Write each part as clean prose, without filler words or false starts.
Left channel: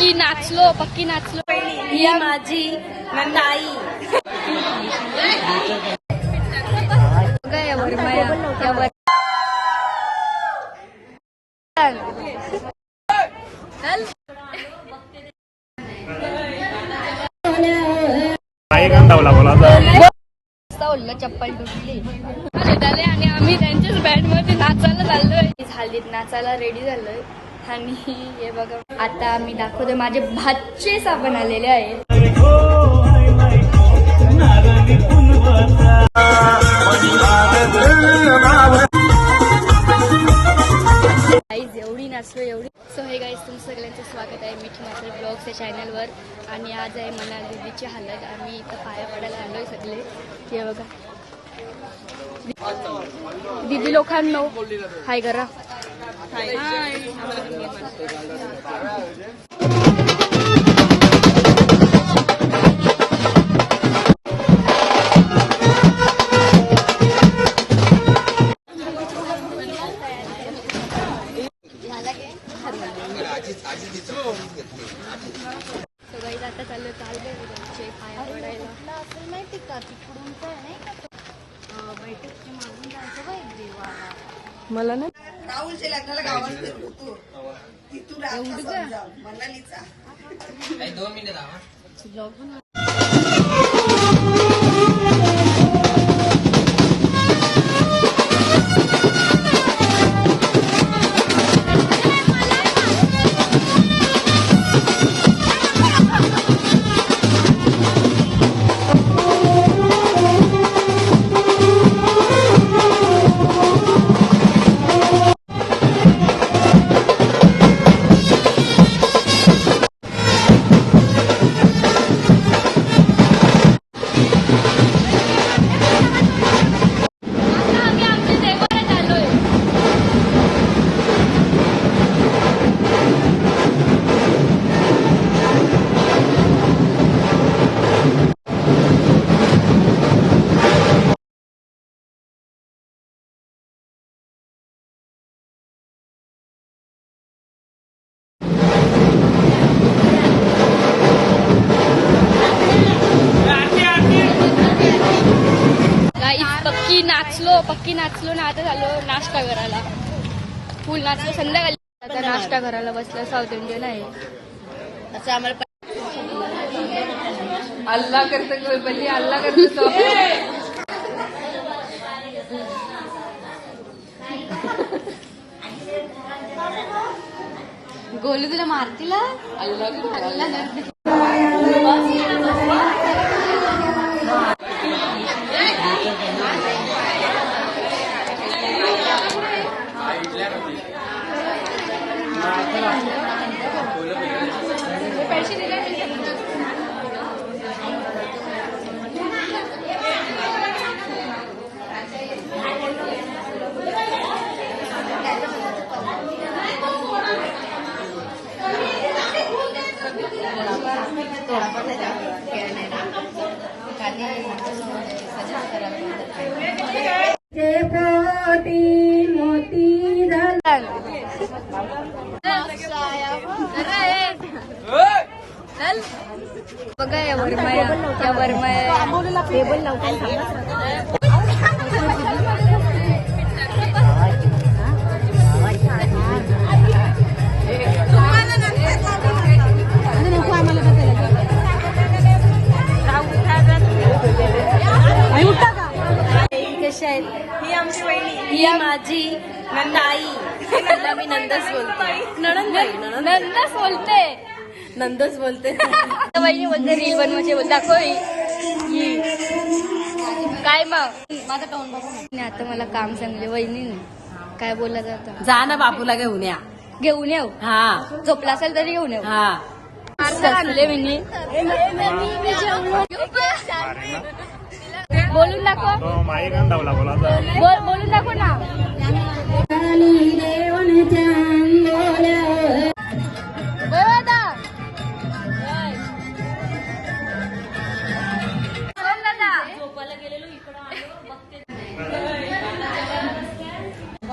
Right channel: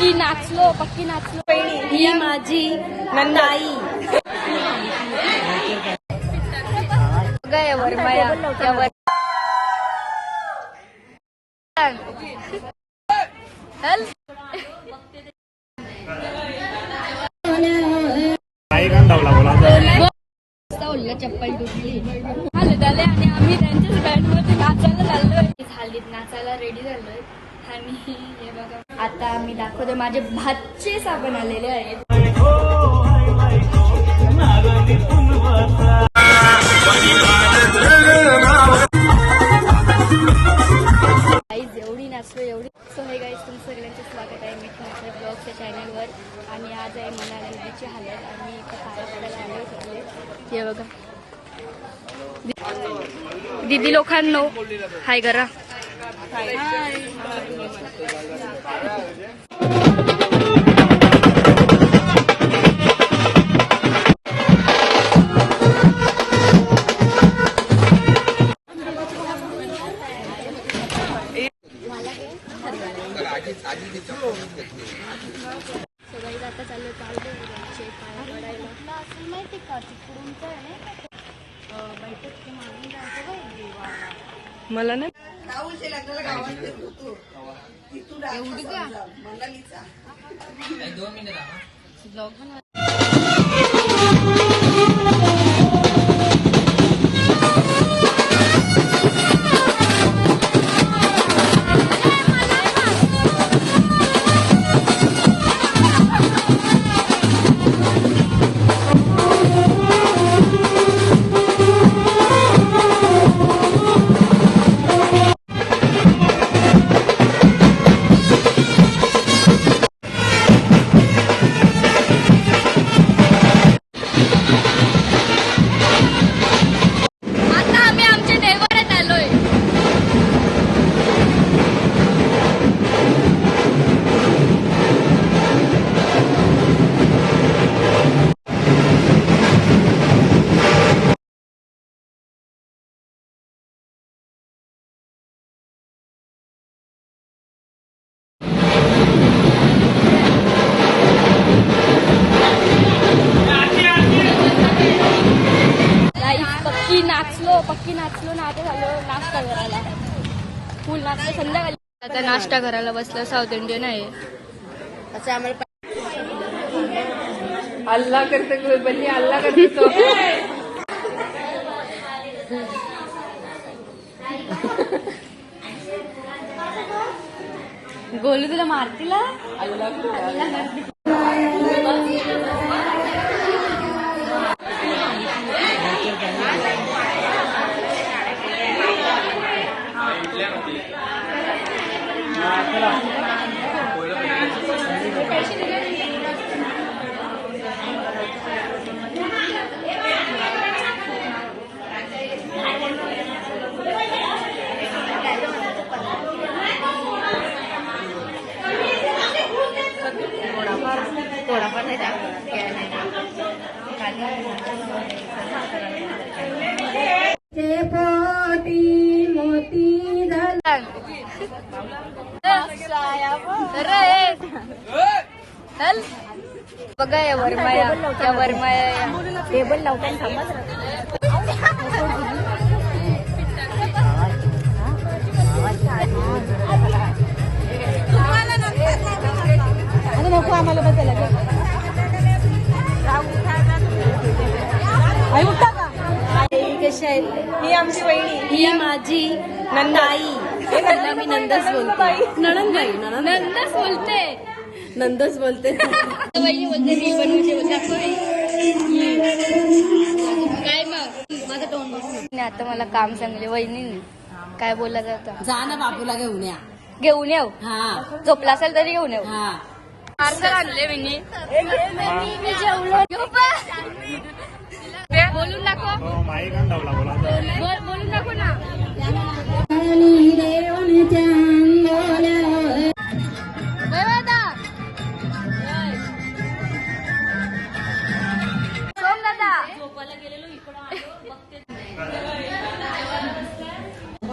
पक्की नाचलो ही माझी ताई गया वर्माया या वर चप्पल तुटली झाले आणि आम्ही त्यांच्याच बँड मध्ये नाचायला चाललोय. हल्लीत नाचायला रेडी झालोय आणि हे बघा आता आम्ही दाखवतोय माझे भाचे साबण आलेले आहे. एवढी नाचलो एवढी. सो हे गाईज तुमचं सगळ्यांचं स्वागत आहे मिठी मात्र ब्लॉगच्या चॅनलवर. आणि आज आहे मला दीदीची हालत. आम्ही इथं पाया पडायला आलोय सगळे. हे बघा दीदी लोकांनो हाय करा. सगळी आता चालू पाया पडायला माहिती का तिकडून काय नाही का बैठक मागून जायचं बघ देवाला. मला ना राहुलच्या लग्नाला गावात एवढी का मंगलीचा 2 मिनिट पक्की नाचलो ना. आता झालो नाश्ता करायला. फुल नाचलो संध्याकाळी. आता नाश्ता करायला बसलं. साऊथ इंडियन आहे असं आम्हाला अल्लाह करते बल्ली अल्लाह करते गोलू तुला मारतीला बघा या वर्माया ही माझी ताई. तिला मी नंदच बोलते. नंदच बोलते वहिनी बोलते. रील बनवायचे बोलते दाखव काय मग माझा टोन बघून. आता मला काम सांगले वहिनीने. काय बोलला जातं जा ना बापूला घेऊन येऊ. हा झोपला असेल तरी घेऊन येऊ. हा पार्सल आणले मी. बोलून दाखव. बोलून दाखव ना.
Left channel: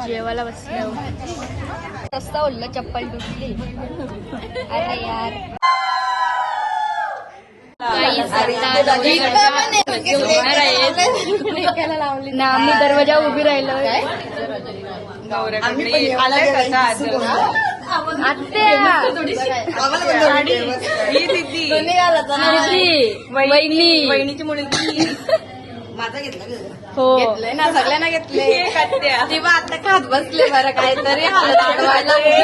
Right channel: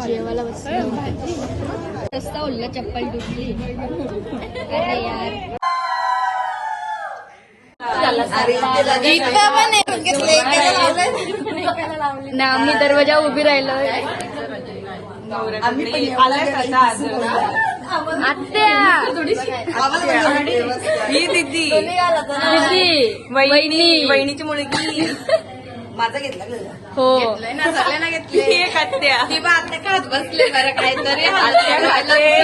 जेवायला बसलो. रस्ता ओढला चप्पल तुटली. अरे यार ना आम्ही दरवाजा उभी राहिलोय. आत्या वहिनीची मुलगी माझा घेतला हो ना सगळ्यांना घेतले. आता खात बसले बरं काहीतरी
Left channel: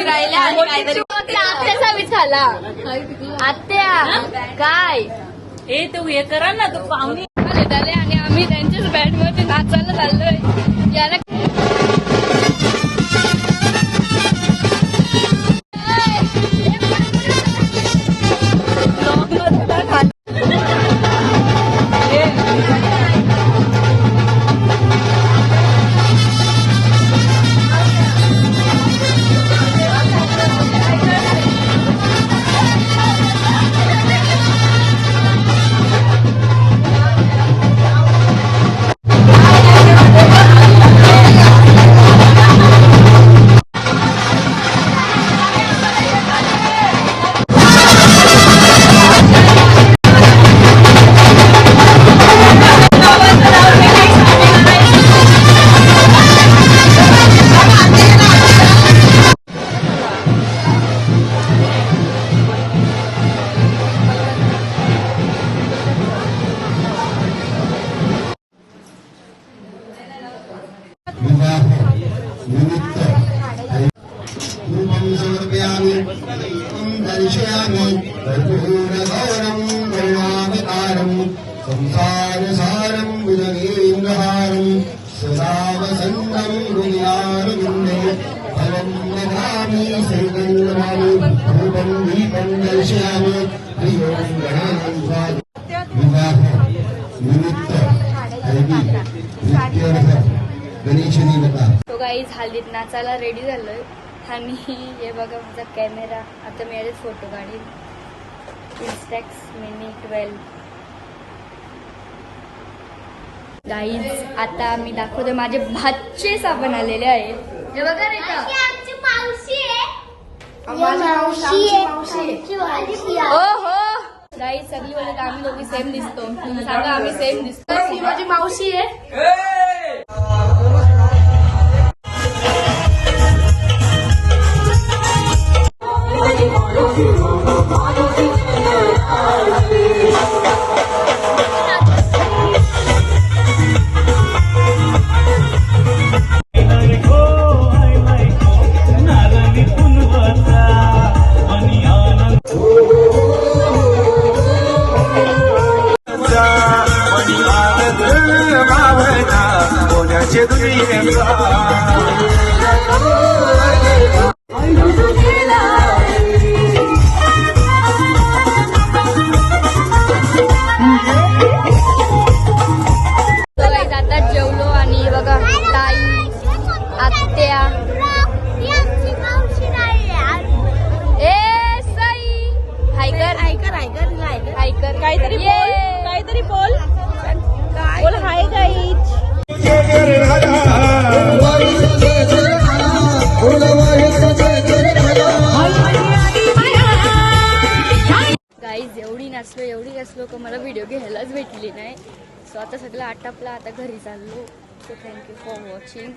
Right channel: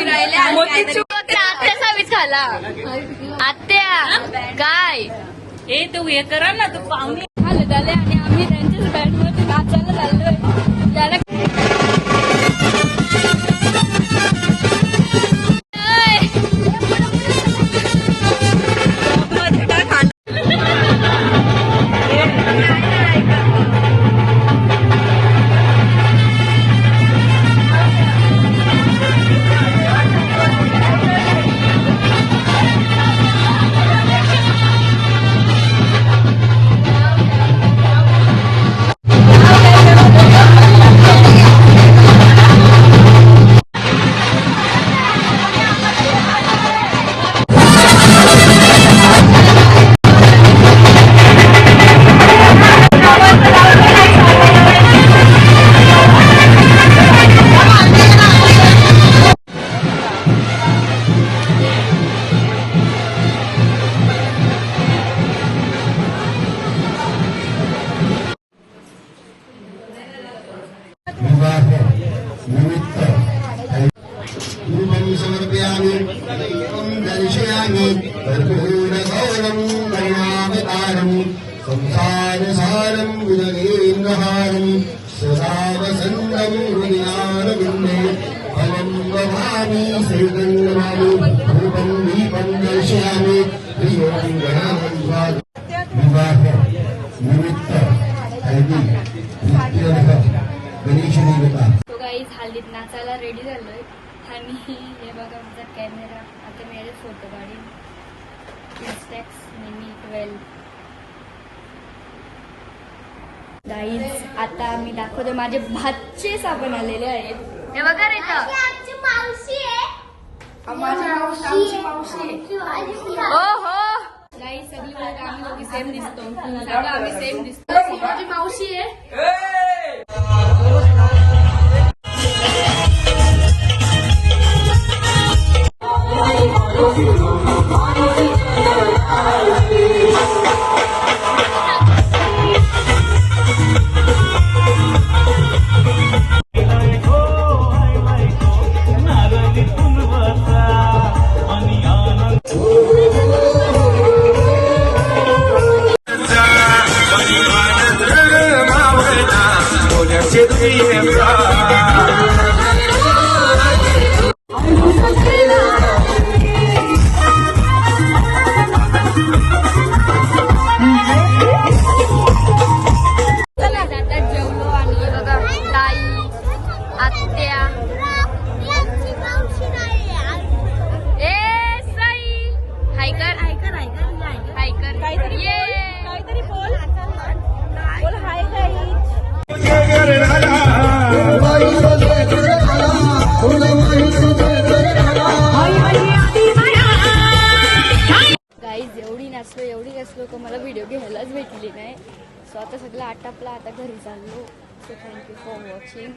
राहिले आणि काहीतरी आत्याचा वीज खाला. आत्या काय हे तू हे करा ना तू आले झाले आणि आम्ही त्यांच्याच बँड मध्ये नाचायला चाललोय. तो गाईज हल्लीत नाचायला रेडी झालोय आणि हे बघा माझा कॅमेरा. आता मी याचे फोटो काढीन. इन्स्टॅक्स मिनी 12. गाईज आता मी दाखवते माझे भाचे साबण आलेले आहे. हे बघा रे हो हो गाईज सगळी वेळेस आम्ही दोघी सेम दिसतो. सांगा आम्ही सेम दिसतो. माझी मावशी आहे. आता जेवलो आणि बघा ताई आत्या ए साई हायकर हायकर काहीतरी बोल हाय गाईज. गाईज एवढी नाचलो का मला व्हिडिओ घ्यायलाच भेटली नाही. सो आता सगळं आटापला. आता घरी चाललो. So thank you for watching.